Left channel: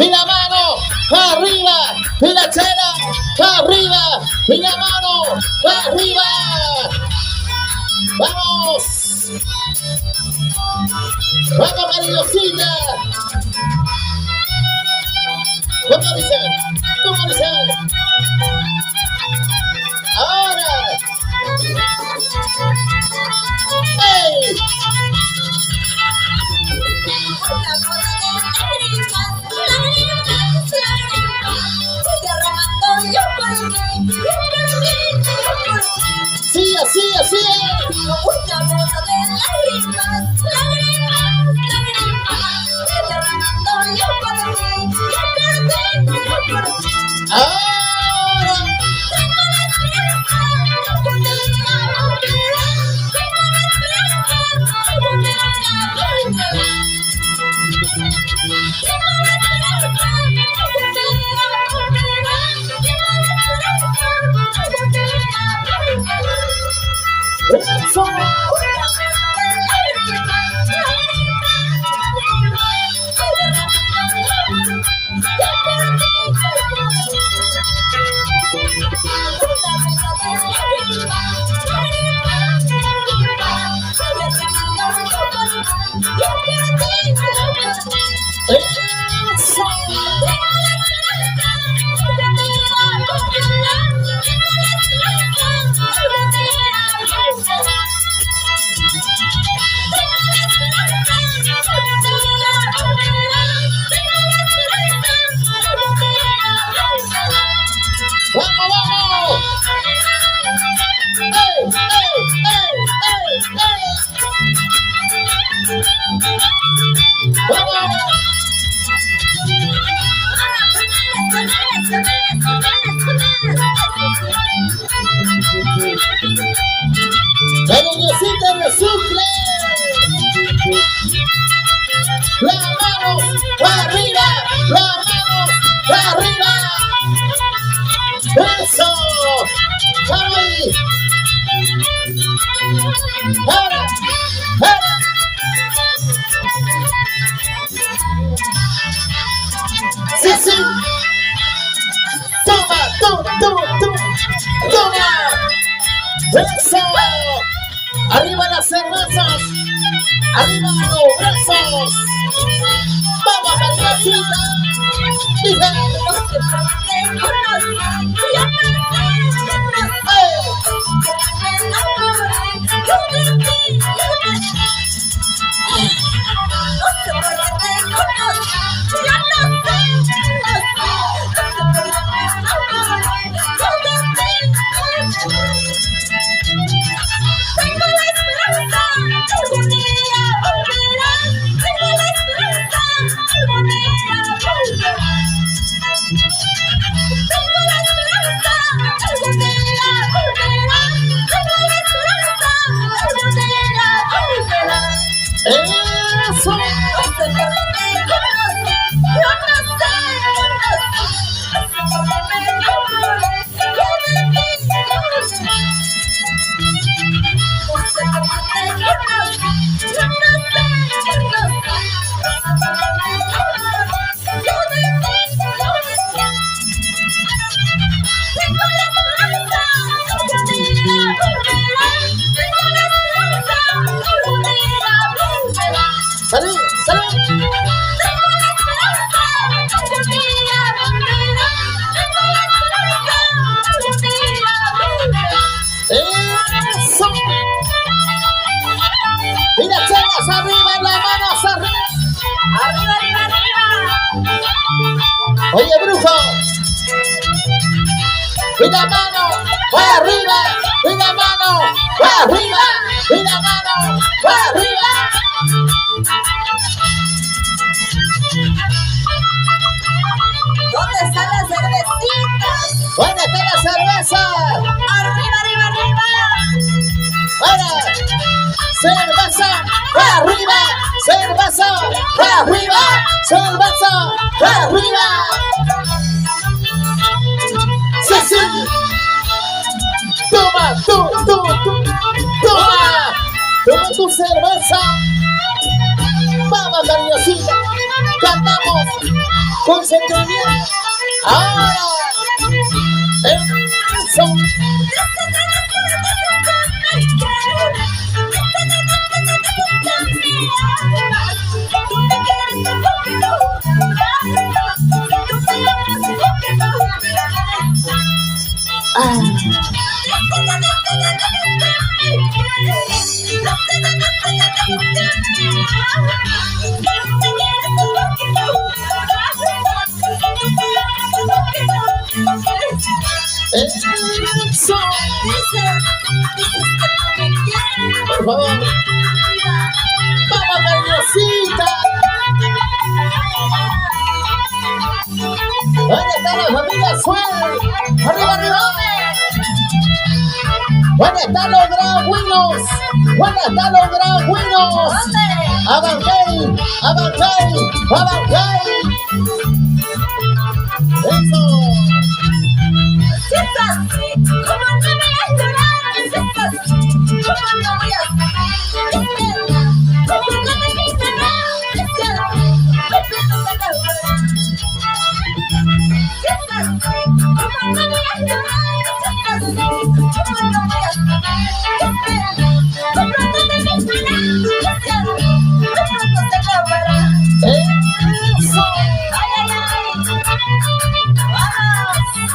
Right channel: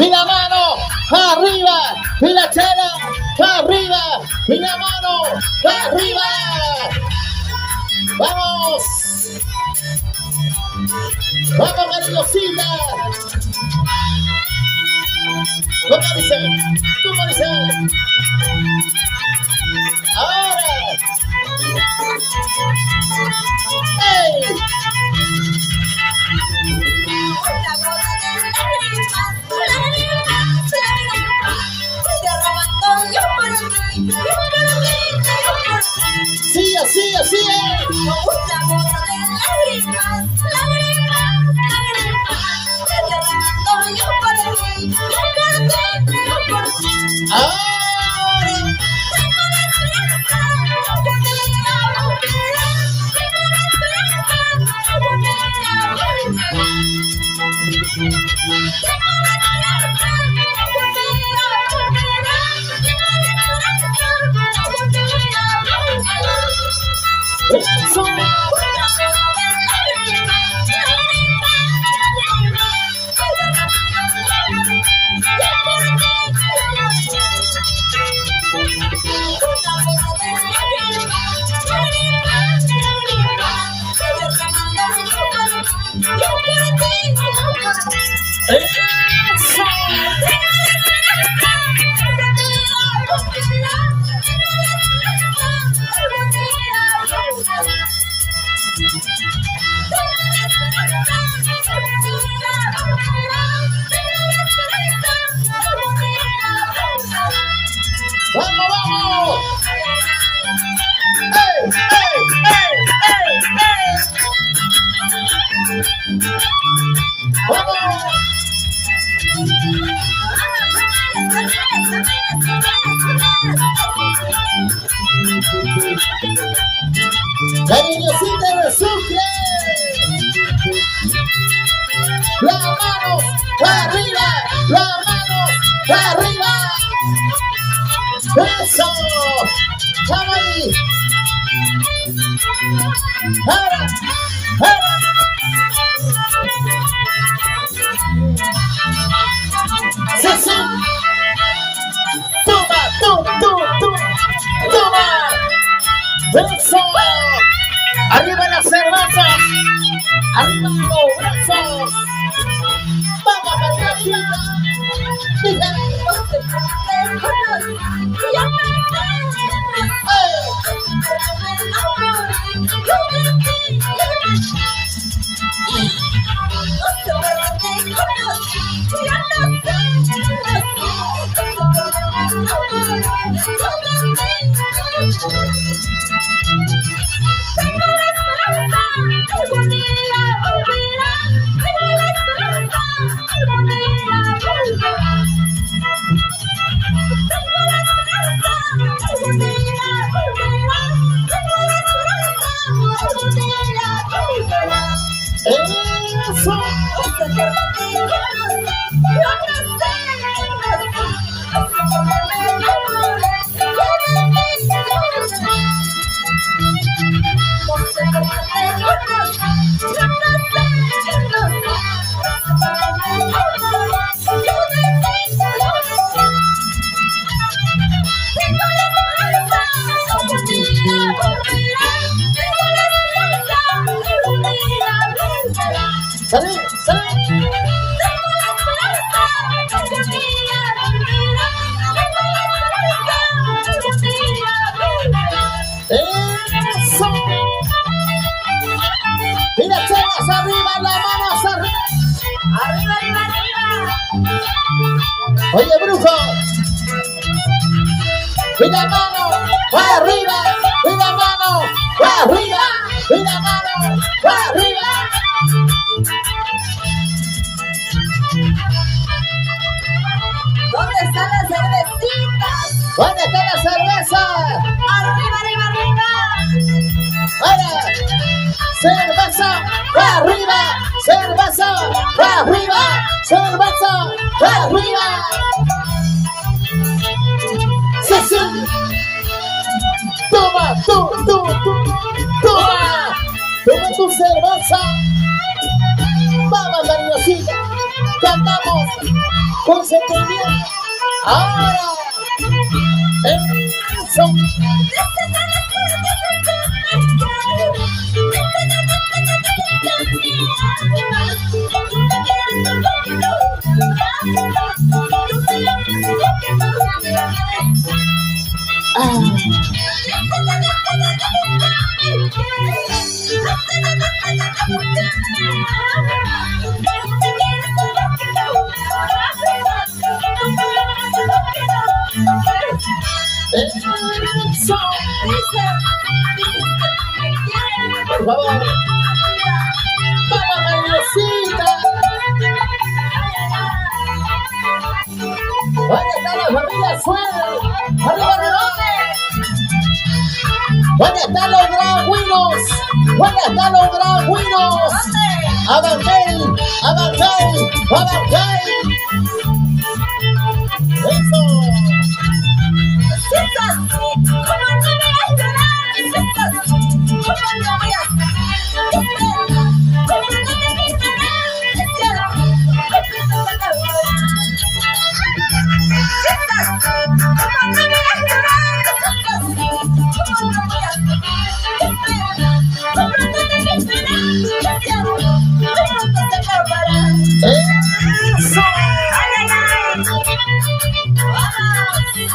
y la mano arriba, y la chela arriba, y la mano arriba. Vamos. Vamos, Marilosita. ¿Cómo dice? ¿Cómo dice? Ahora. ¡Ey! Sí, así, así es. La niñecita resulta. Las manos arriba, las manos arriba. Eso. Vamos ahí. Ahora, ahora. Sí, sí. Toma, toma, toma, toma. Eso. Arriba las cervezas. Arriba los brazos. Vamos, Marilosita. ¡Salud! ¡Salud! ¡Eso! Y las chelas arriba, las manos arriba. ¡Arriba, arriba, arriba! Oye, brujo. Y la mano arriba, y la mano arriba, y la mano arriba. ¿Dónde están las cervecitas? ¿Dónde está la cerveza? ¡Arriba, arriba, arriba! ¡Ahora! ¡Cerveza! ¡Arriba! ¡Cerveza! ¡Arriba! ¡Cerveza! ¡Arriba! ¡Sí, sí! ¡Toma, toma! ¡Toma tu cerveza! ¡Vamos, Marilosita! cantamos con sentimiento. Ahora, eso. Eso. Por favor. Vamos, cariñosita. ¿Dónde está la familia Suel? Arriba, arriba. ¿Dónde están los dragüinos? ¿Dónde están los dragüinos? Abangel, Abangel, Abangel. Eso.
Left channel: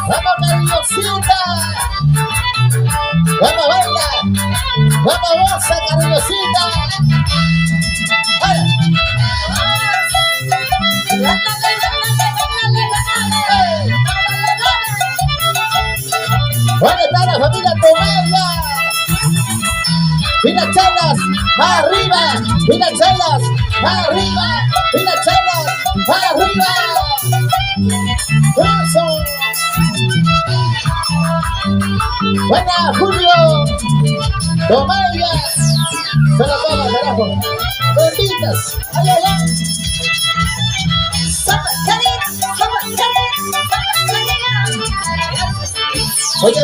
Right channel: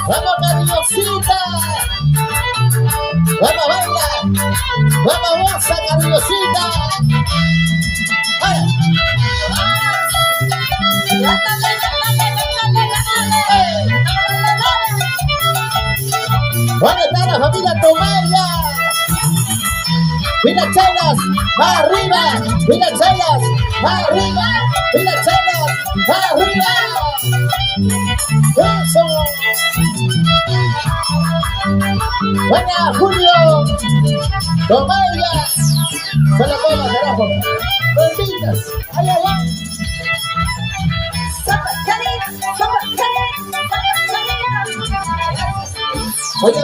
Vamos, cariñosita. Vamos, baila. Vamos, goza, cariñosita. ¿Dónde está la familia Tomaya? Mira, chelas, arriba. Mira, chelas, arriba. Mira, chelas, arriba. Eso. Buena, Julio. Tomaya. Se la pongo, carajo. Benditas. Ay, ay, ay. Oye,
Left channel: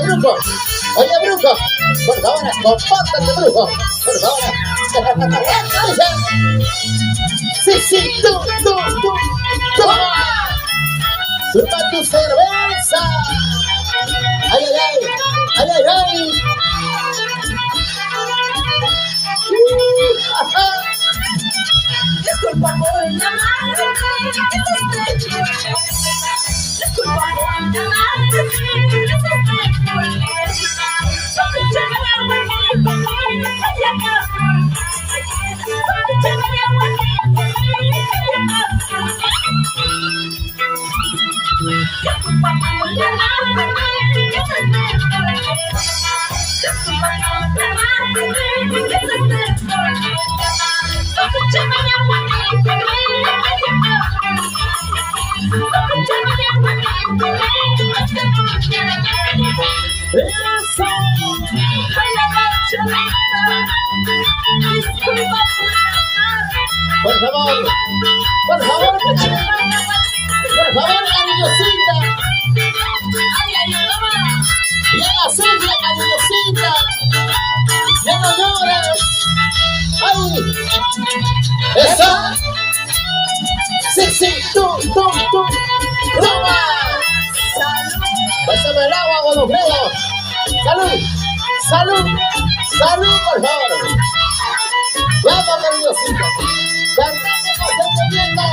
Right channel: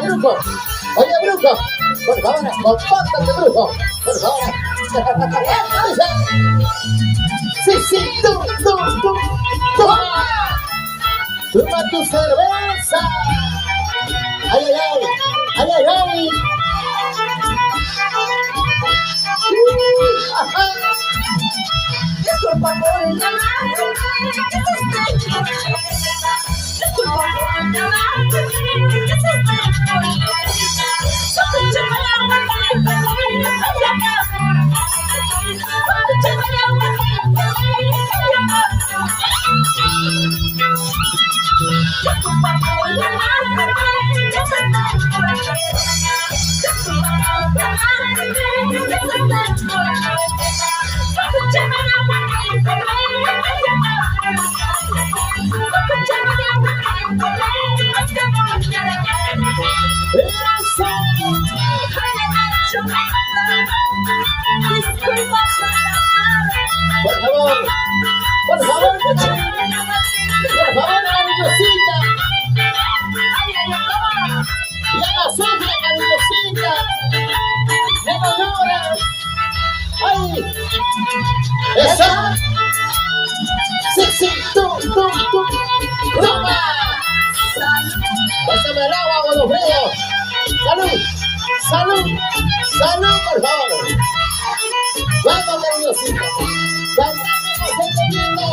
brujo, por favor, compórtate, brujo, por favor. Sí, sí, tú. Toma tu cerveza. Ay, ay, ay, ay, ay, ay. Ajá. Disculpa por llamarte, disculpa por llamarte, Por favor, cariñosita. Ya no sufre, cariñosita. Ya no llores. Ay, esa. Sí, tú. Toma. Pásame el agua, Godofredo. Salud, por favor. Vamos, cariñosita. Cantamos entendiendo.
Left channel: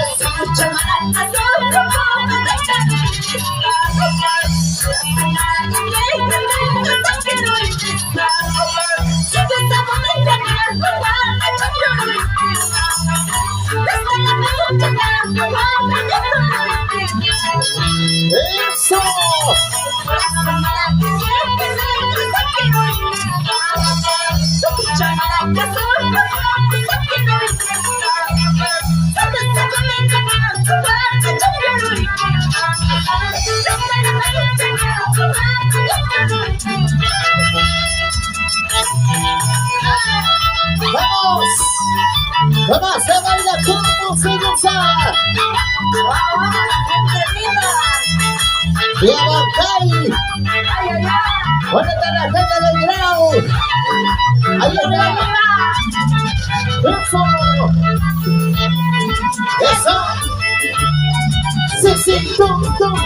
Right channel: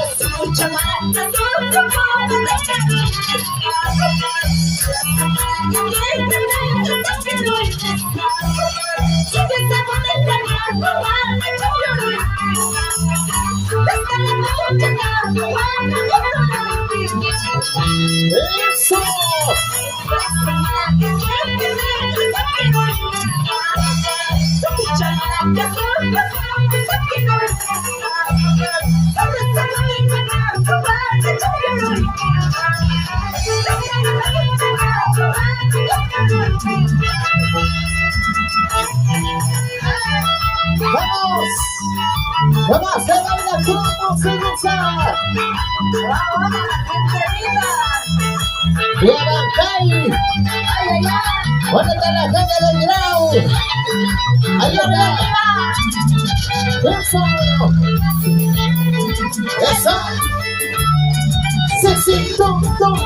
Eso. Vamos a bailar como se goza. Y Abancay. ¿Dónde está la gente del Grau? Ahí está. Eso. sí, tú. Toma.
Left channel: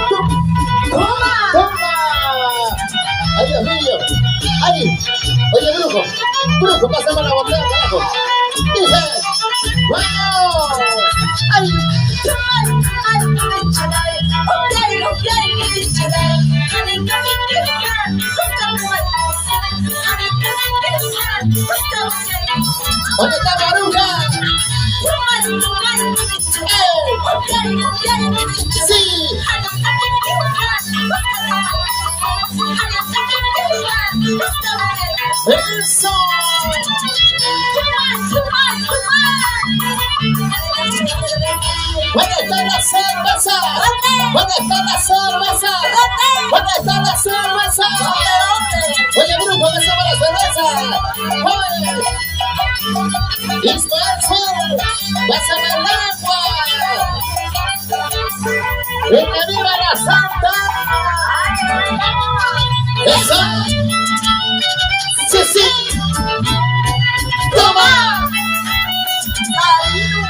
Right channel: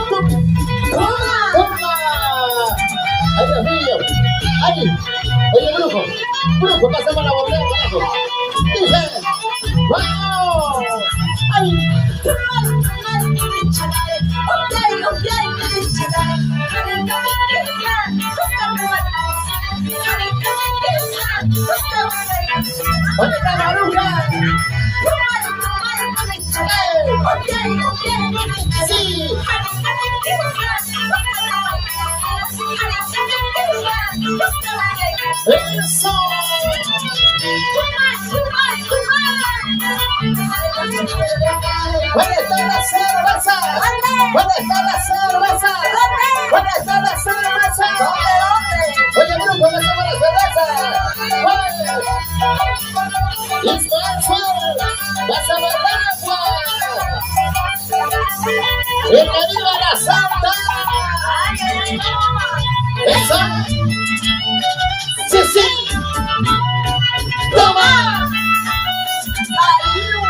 ¡Toma! ¡Ay, Dios mío! ¡Ay! Oye, brujo, pásame la botella, carajo. Dice, ¡vamos! ¡Ay! ¿Dónde está la bruja? ¡Sí! ¡Eso! ¿Dónde está la cerveza? ¿Dónde está la cerveza? ¿Dónde está la cerveza? Oye, brujo, besame la cerveza. Ismael Suárez, besame el agua. ¡Y que viva la santa! ¡Eso! ¡Sí! ¡Toma!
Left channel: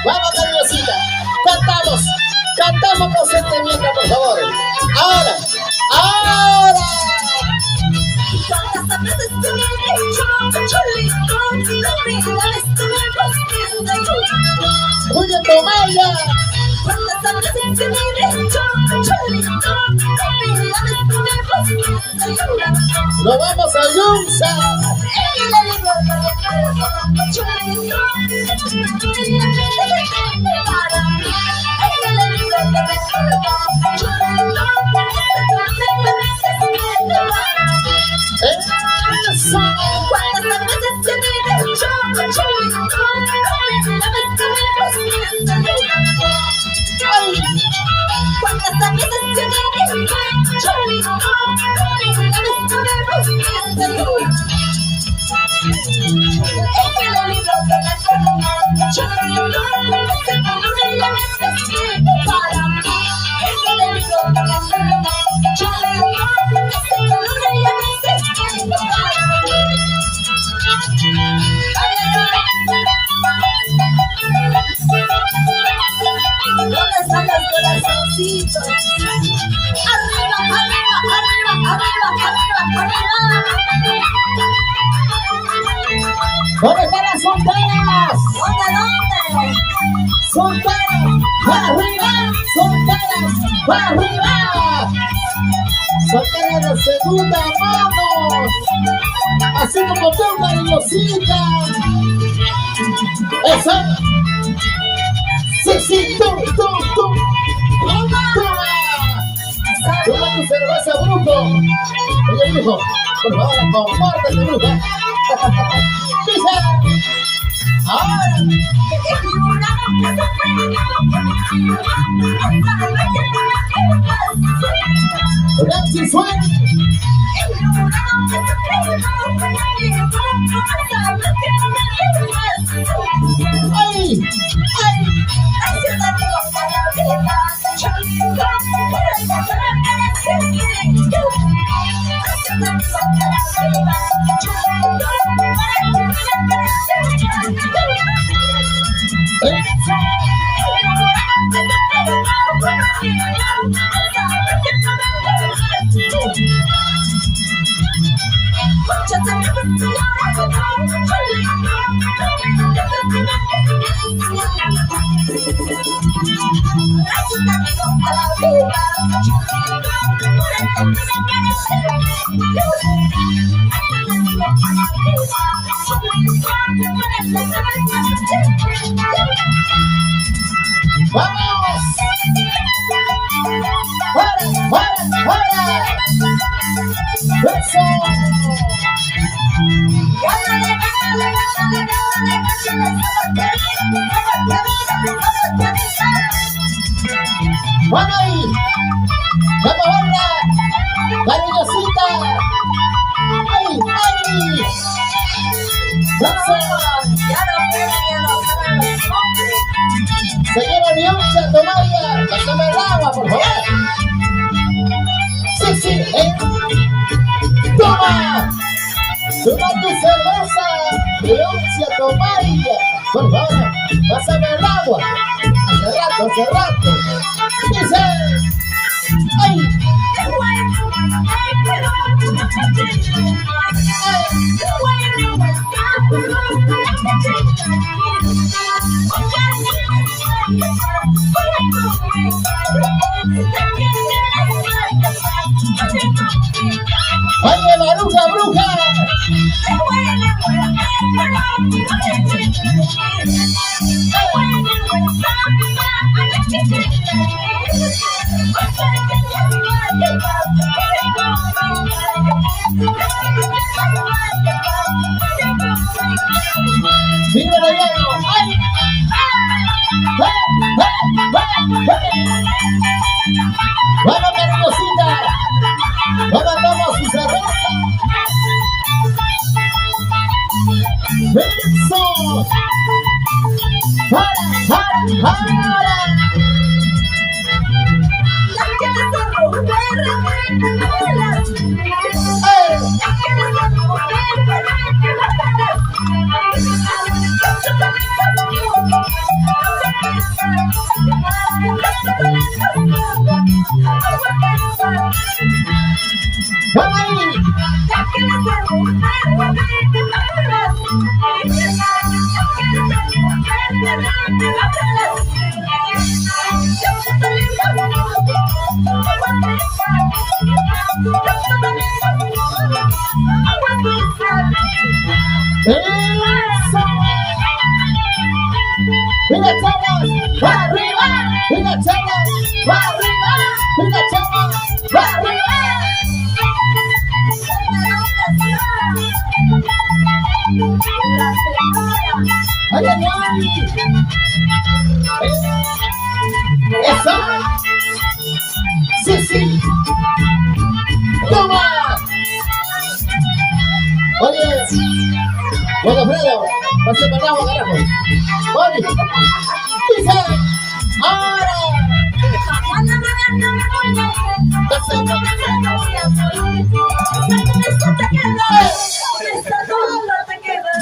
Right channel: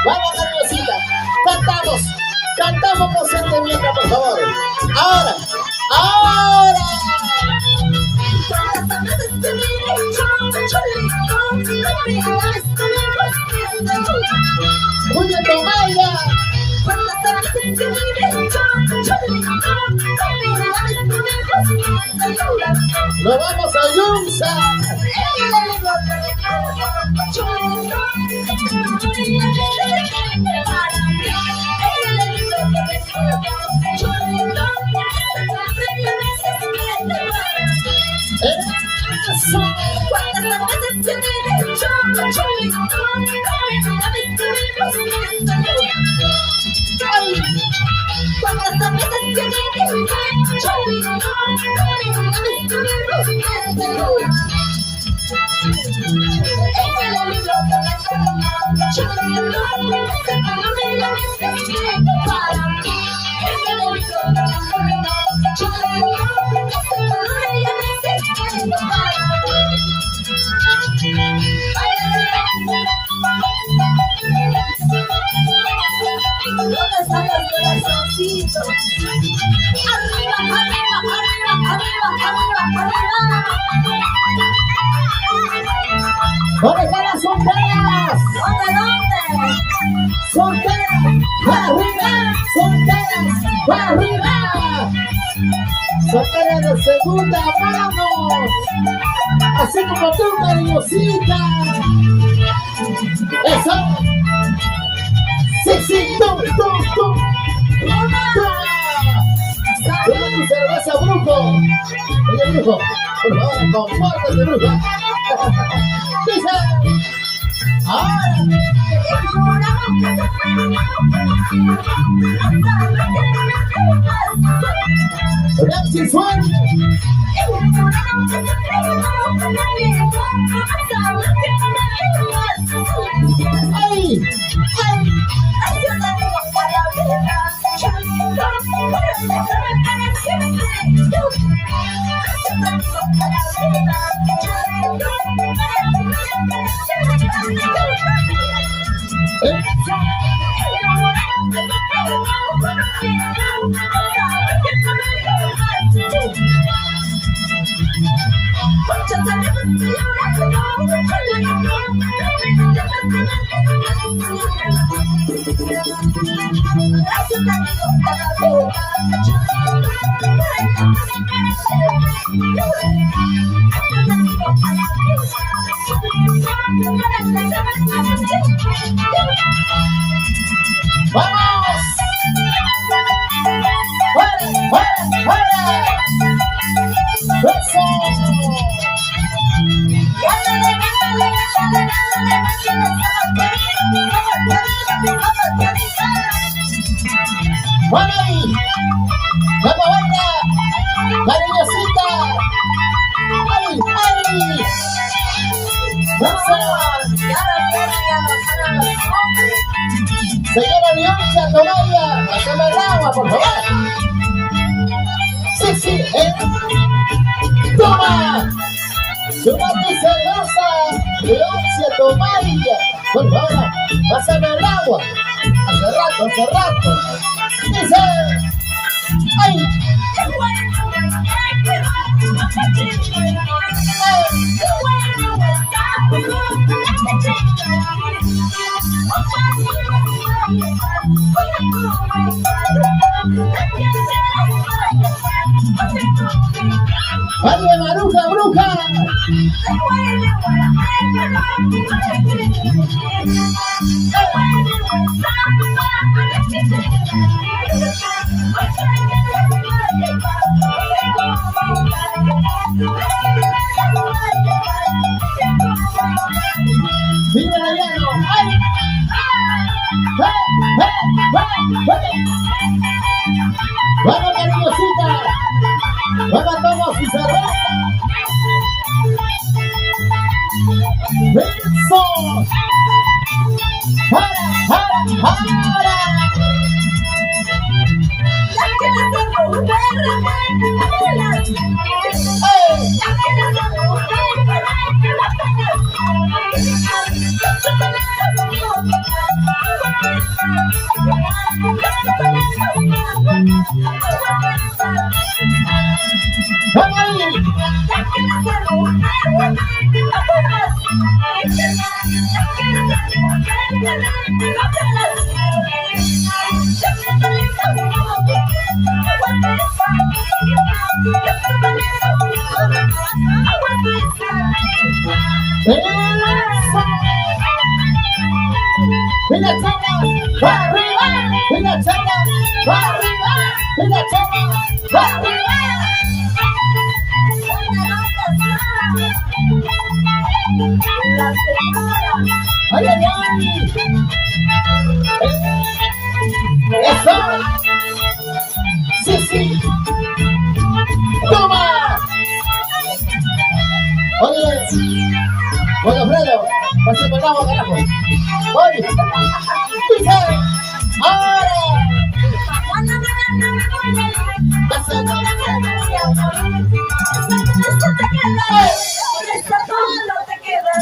Vamos, nerviosita. Cantamos con sentimiento, por favor. Ahora. Julio Tomaya. Nos vamos a Yunza. Eso. ¿Dónde están las solteras? Solteras, para arriba, solteras, para arriba. Solteras de segunda mano, así como tú, cariñosita. Eso. Sí, tú. Toma tu cerveza, brujo. Oye, brujo, por favor, compórtate, bruja. Dice, ahora. Nancy Suárez. ¡Ay! ¡Vamos! ¡Fuera! ¡Eso! ¡Bueno ahí! ¡Vamos, baila! ¡Cariñosita! ¡Ay! Señora Dioncha, Tomaya, pásame el agua, por favor. Sí, ¡toma! ¡Toma tu cerveza! Dioncha, Tomaya, por favor, pásame el agua. Hace rato. Dice, Ay. Oye, Maruja, bruja. Viva la llano. ¡Ay! Vamos, cariñosita. Vamos, toma su cerveza. Eso. ¡Para! ¡Vamos ahí! ¡Eso! ¡Mira, chavos! ¡Va arriba! ¡Mira, chavos! ¡Va arriba! ¡Mira, chavos! ¡Va arriba! ¡Ay, ay, ay! ¡Eso! ¡Sí, sí! ¡Toma! Oye, bueno, Alfredo, pásame el agua, carajo. Oye, dice, ahora.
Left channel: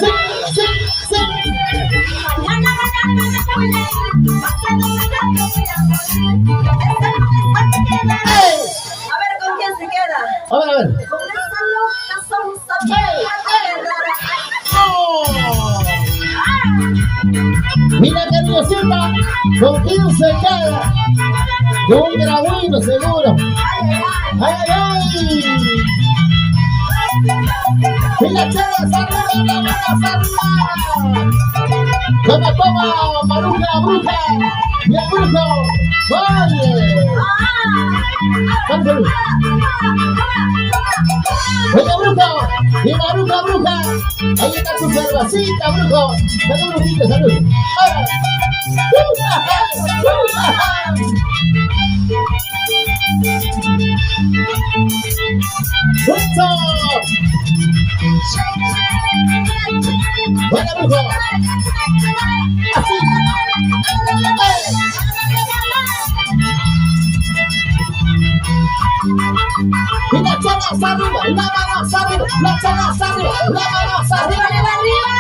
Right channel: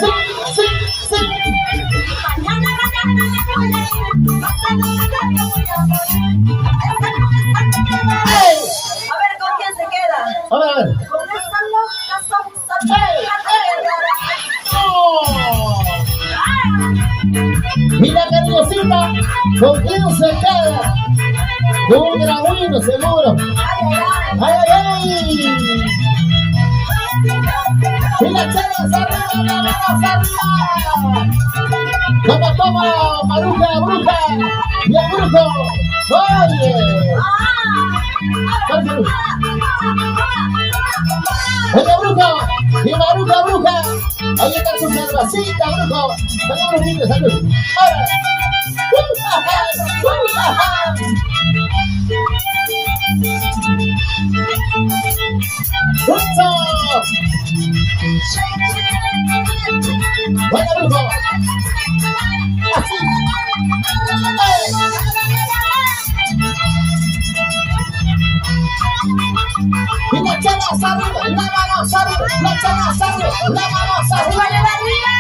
Sí, sí, sí. A ver, ¿con quién se queda? A ver. Con esa loca sonsa. Mira, cariñosita, ¿con quién se queda? Con un grabino, seguro. ¡Ay, ay, ay! Mira, chavas, arriba, arriba. Toma, Maruja, bruja. Y el brujo. Oye. Oye, brujo. Y Maruja, bruja. Ahí está su cervecita, brujo. Salud, brujito, salud. Ahora. ¡Eso! ¡Bueno, brujo! ¡Así! ¡Y la chavas arriba! ¡La manos arriba! ¡La chavas arriba! ¡La manos arriba! ¡Arriba!